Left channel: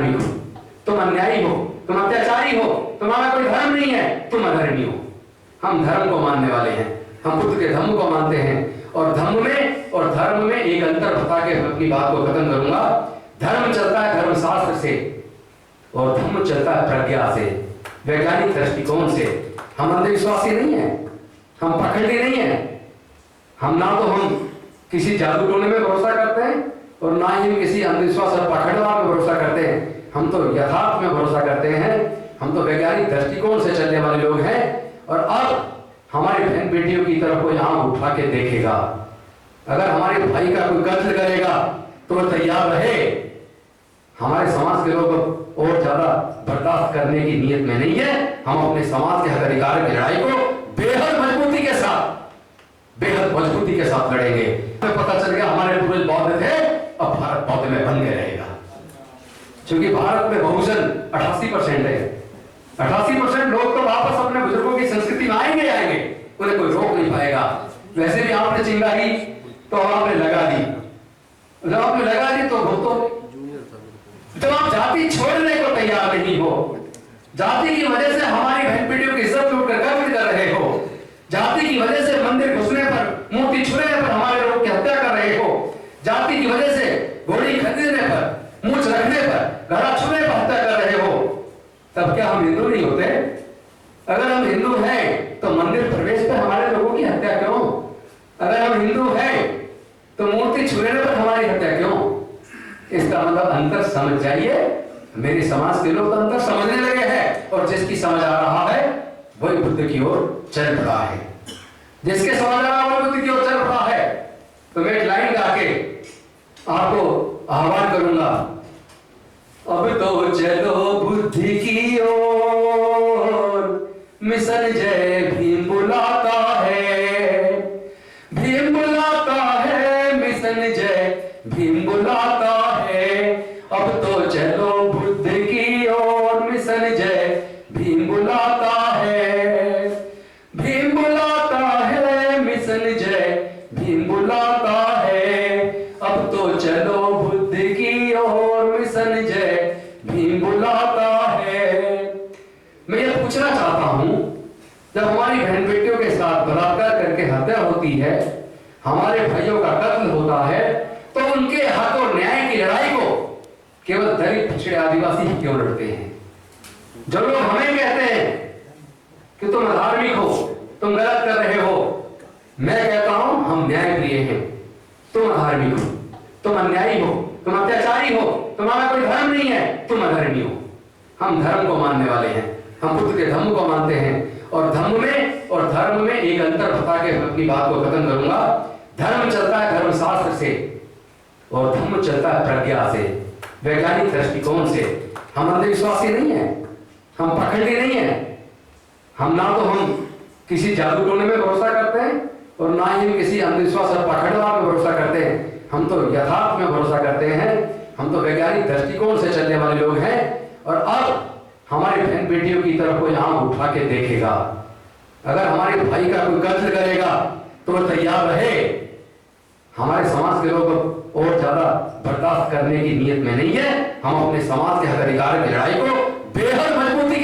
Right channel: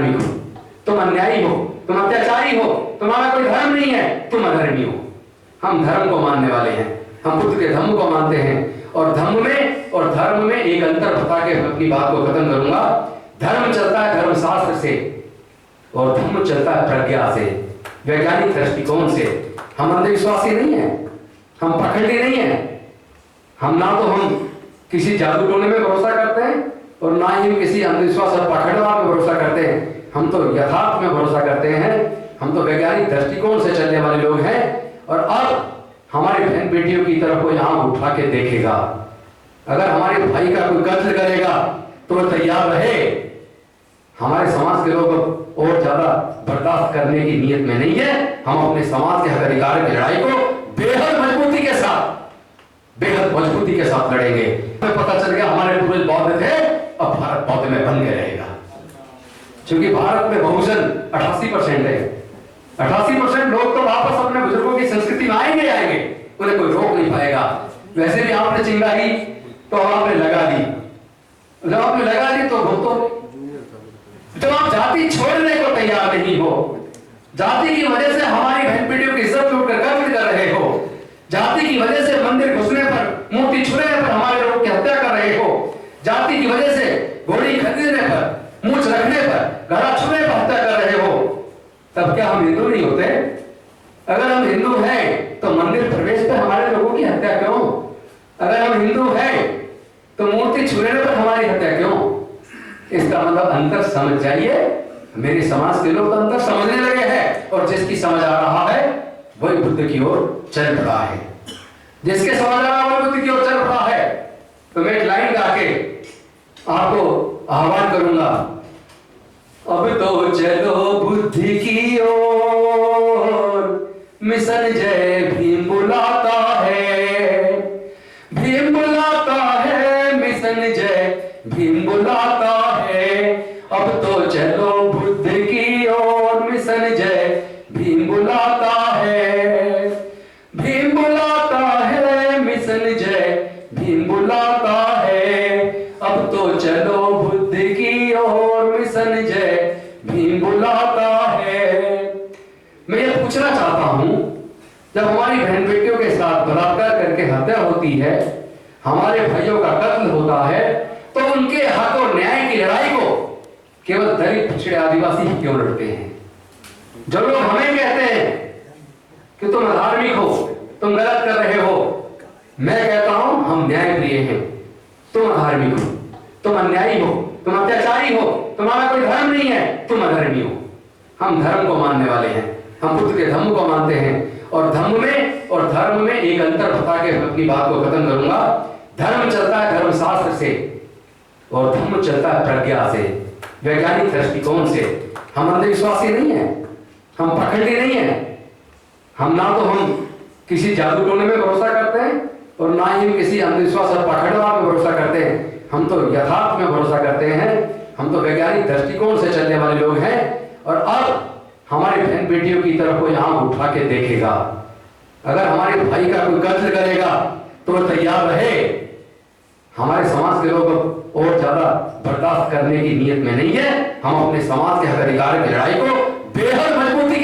अधार्मिक हो, तुम अन्यायी हो, तुम अत्याचारी हो, तुम्हारा कोई धर्म नहीं है, तुम अधर्मी हो। हम धर्म को मानने वाले हैं, हम बुद्ध के धम्म को मानते हैं। और धम्म में और धर्म में एक अंतर बता के अपनी बात को खत्म करूंगा। धर्म चलता है धर्मशास्त्र से और धम्म चलता है प्रज्ञा से, वैज्ञानिक दृष्टिकोण से। हम अंधविश्वासी नहीं है, हम पखंडी नहीं है। हम ना तो हम किसी जादू टोने में भरोसा करते हैं और ना ही हम किसी अंधविश्वास और पखंडवाद में भरोसा करते हैं। हम तो यथार्थ में भरोसा करते हैं, हम तो वैज्ञानिक दृष्टिकोण से चलने वाले लोग हैं। और अब हमारी बहन बेटियों की तरफ कोई आंख उठा के देखेगा, अगर हमारे भाई का कोई कत्ल करेगा तो वो तैयार रहे। हमारे समाज के लोग और ज्यादा बर्दाश्त करने की नीयत में नहीं है। हम अपने समाज के हक अधिकार की लड़ाई को बेहद मजबूती के साथ लड़ेंगे। हमें पता चल गया हमारे पूर्वज बौद्ध थे, अब भारत बौद्ध में बन के रहेगा। क्योंकि भारत में बहुजन 88% है। 88% लोग तो वापस अपने बुजुर्गों की संस्कृति में आएंगे, उन्हें कोई रोक नहीं पाएगा। वैसे भी आपने चिंगारी तो आपने लगा दी, जब आपने लगा दी तो भुगतो। जब आप जाति छोड़ने को तैयार नहीं हो, जाति की वजह से हमारी बहन बेटियों की इज्जत लूट कर कब्ज कर रहे हो, जाति की वजह से मंदिर घुसने पर, मूर्ति छूने पर हमारे लोगों की हत्या कर रहे हो, जाति की वजह से घोड़ी खरीदने पर, मूछ रखने पर, घड़ा छूने पर हत्या कर रहे हो, तब क्या हम हिंदू नहीं होते? अगर हम हिंदू हैं तो मंदिर प्रवेश पर हमारे लोगों की हत्या क्यों? अगर हम हिंदू हैं तो मूर्ति छूने पर हमारी हत्या क्यों? इसका मतलब अंतर समझ जाइए। मेरे समाज के लोग तो अंतर समझने लगे हैं और जिसकी समझ आ रहा है वही बुद्ध की ओर चल पड़ा है। जिसके समझ आ रहा है वही बुद्ध की ओर चल पड़ा है। तो मैं एक लाइन गा के आपको आह्वान करूंगा। अब तो चलो बुद्धि की ओर, मिशन जय भीम बुलाता है, भीम बुलाता है, मिशन जय भीम बुलाता है। अब तो चलो बुद्ध की ओर, मिशन जय भीम बुलाता है, भीम बुलाता है, मिशन जय भीम बुलाता है। अब तो चलो बुद्ध की ओर, मिशन जय भीम बुलाता है। मैं ये पूछना चाहता हूं, जब हमारी बहन बेटियों के साथ बलात्कार करके हत्या होती है, हमारे भाइयों का कत्ल होता है, तो उनके हक और न्याय की लड़ाई को केवल दलित पिछड़े आदिवासी ही क्यों लड़ते हैं? जो लोग हमें कहते हैं कि तुम अधार्मिक हो, तुम गलत कर रहे हो, मैं कहता हूं हम न्याय प्रिय हैं। तुम अधार्मिक हो, तुम अन्यायी हो, तुम अत्याचारी हो, तुम्हारा कोई धर्म नहीं है, तुम अधर्मी हो। हम धर्म को मानने वाले हैं, हम बुद्ध के धम्म को मानते हैं। और धम्म में और धर्म में एक अंतर बता के अपनी बात को खत्म करूंगा। धर्म चलता है धर्मशास्त्र से और धम्म चलता है प्रज्ञा से, वैज्ञानिक दृष्टिकोण से। हम अंधविश्वासी नहीं है, हम पखंडी नहीं है। हम ना तो हम किसी जादू टोने में भरोसा करते हैं और ना ही हम किसी अंधविश्वास और पखंडवाद में भरोसा करते हैं। हम तो यथार्थ में भरोसा करते हैं, हम तो वैज्ञानिक दृष्टिकोण से चलने वाले लोग हैं। और अब हमारी बहन बेटियों की तरफ कोई आंख उठा के देखेगा, अगर हमारे भाई का कोई कत्ल करेगा तो वो तैयार रहे। हमारे समाज के लोग और ज्यादा बर्दाश्त करने की नीयत में नहीं है। हम अपने समाज के हक अधिकार की लड़ाई को बेहद मजबूती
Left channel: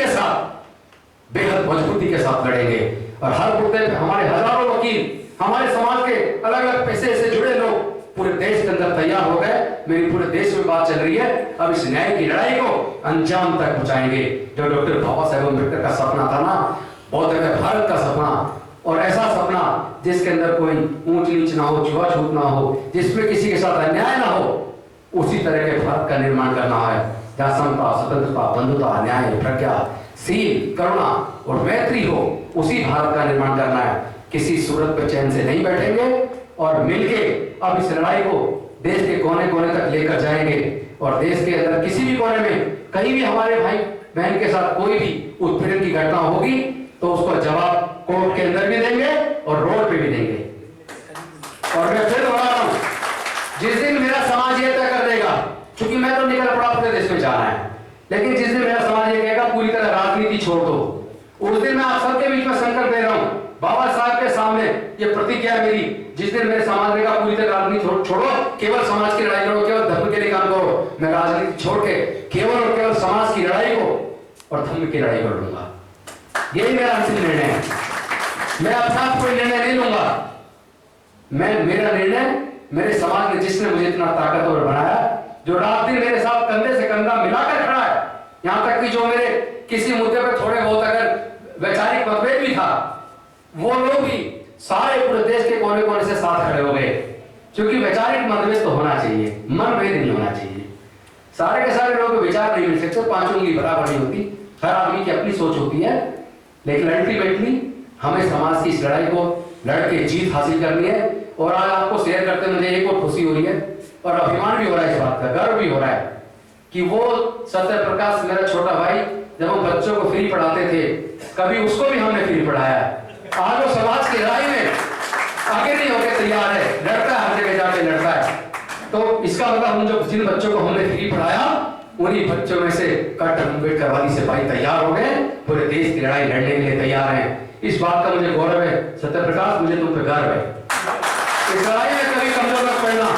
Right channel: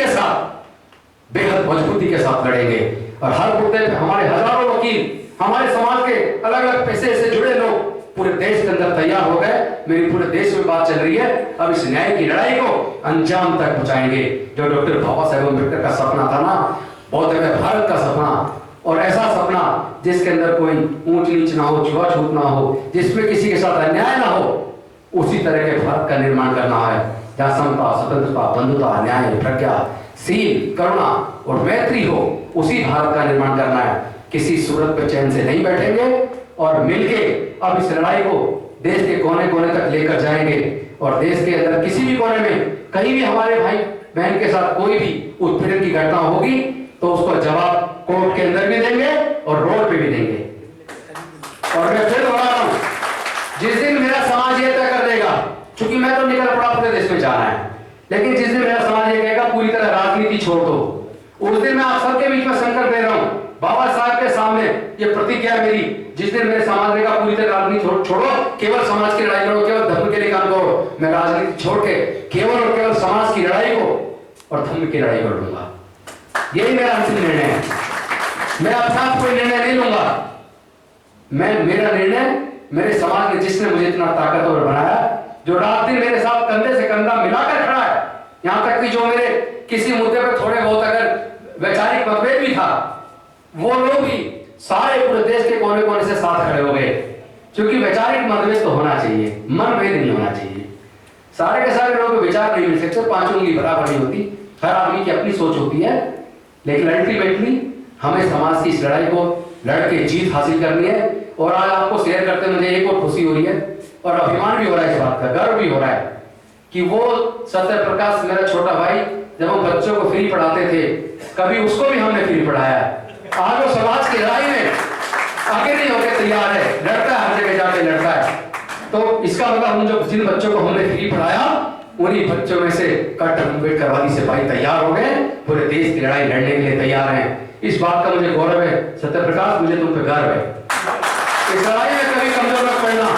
के साथ लड़ेंगे। और हर मुद्दे पे हमारे हजारों वकील, हमारे समाज के अलग अलग पेशे से जुड़े लोग पूरे देश के अंदर तैयार हो गए। मेरी पूरे देश में बात चल रही है, अब इस न्याय की लड़ाई को अंजाम तक पहुंचाएंगे। जो डॉक्टर बाबा साहेब अम्बेडकर का सपना था ना, बौद्ध में भारत का सपना, और ऐसा सपना जिसके अंदर कोई ऊंच नीच ना हो, छुआछूत ना हो, जिसमें किसी के साथ अन्याय ना हो, उसी तरह के भारत का निर्माण करना है, जहां समता, स्वतंत्रता, बंधुता, न्याय, प्रज्ञा, शील, करुणा और मैत्री हो। उसी भारत का निर्माण करना है। किसी सूरत पे चैन से नहीं बैठेंगे और मिलके अब इस लड़ाई को देश के कोने कोने तक लेकर जाएंगे। और देश के अंदर किसी भी कोने में कहीं भी हमारे भाई बहन के साथ कोई भी उत्पीड़न की घटना होगी तो उसका जवाब कोर्ट के अंदर भी देंगे और रोड पे भी देंगे। और मैं फिर दोहरा रहा हूं, जिस दिन मेरा समाज ये तय कर देगा, क्योंकि मैं तो निकल पड़ा पूरे देश में जाना है, लेकिन जिस दिन मेरा समाज ये कहेगा पूरी तरह राजनीति छोड़ दो, उस दिन मैं आप सबके बीच में संकल्प ले रहा हूं, बाबा साहब के सामने ये प्रतिज्ञा है मेरी, जिस दिन मेरे समाज ने कहा पूरी तरह राजनीति छोड़ो, केवल समाज की लड़ाई करो, केवल धर्म के लिए काम करो, मैं राजनीति छोड़ के केवल और केवल समाज की लड़ाई को और धर्म की लड़ाई कर लूंगा। यही मेरा अंतिम निर्णय है। मैं अपना कोई निर्णय नहीं लूंगा। मेरा निर्णय मेरे समाज ने, जिसने मुझे इतना ताकतवर बनाया, जो रात दिन मेरे साथ कंधे से कंधा मिलाकर खड़ा है, यहां तक कि जो मेरे किसी मुद्दे पर थोड़े बहुत अगर वैचारिक मतभेद भी था, वो लोग भी सारे पूरे देश के कोने कोने से साथ खड़े हो गए। क्योंकि वैचारिक मतभेद तो होना चाहिए, मनभेद नहीं होना चाहिए। सारे के सारे लोगों के विचार नहीं मिल सकते, पांचों की बराबर नहीं होती, हर आदमी की अपनी सोच होती है, लेकिन अल्टीमेटली हमें समाज की इस लड़ाई को लड़के जीत हासिल करनी है। और आज आपको शेयर करते मुझे एक और खुशी हो रही है और अभिमान भी हो रहा है, इस बात का गर्व भी हो रहा है कि वो सत्य प्रकाश मेरा छोटा भाई, जब हम बच्चों को फ्री पढ़ाते थे, कभी उसको भी हमने फ्री पढ़ाया। आज वो समाज की लड़ाई में आगे नहीं होकर तैयार है, लड़ता है, हर जगह जाके लड़ता है। तो इसका मतलब हम जो जिन बच्चों को हमने फ्री पढ़ाया, उन्हीं बच्चों में से कट अम्बेडकरवादी सिपाही तैयार हो गए, पूरे देश की लड़ाई लड़ने के लिए तैयार हैं। इस बात का मुझे गौरव है। सत्य प्रकाश, मुझे तुम पे गर्व है। इस लड़ाई में कभी कमजोर मत पड़ना।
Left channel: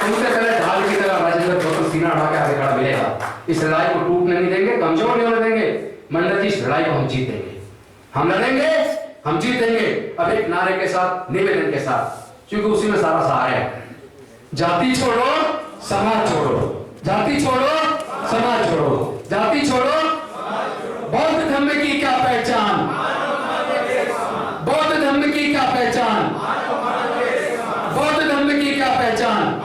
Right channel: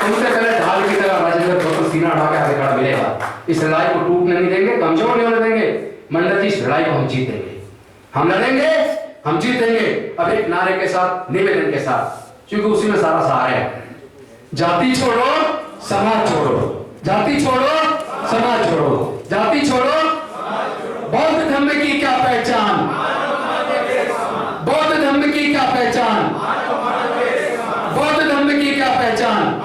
तुमसे पहले ढाल की तरह राजेंद्र प्रसाद सीना उठा के आगे खड़ा मिलेगा। इस लड़ाई को टूटने नहीं देंगे, कमजोर नहीं होने देंगे। मंडल जी, इस लड़ाई को हम जीतेंगे, हम लड़ेंगे, हम जीतेंगे। अब एक नारे के साथ, निवेदन के साथ, क्योंकि उसी में सारा सार है। जाति छोड़ो, समाज छोड़ो, जाति छोड़ो, समाज छोड़ो, जाति छोड़ो। बौद्ध धर्म की क्या पहचान, बौद्ध धर्म की क्या पहचान, बौद्ध धर्म की क्या पहचान।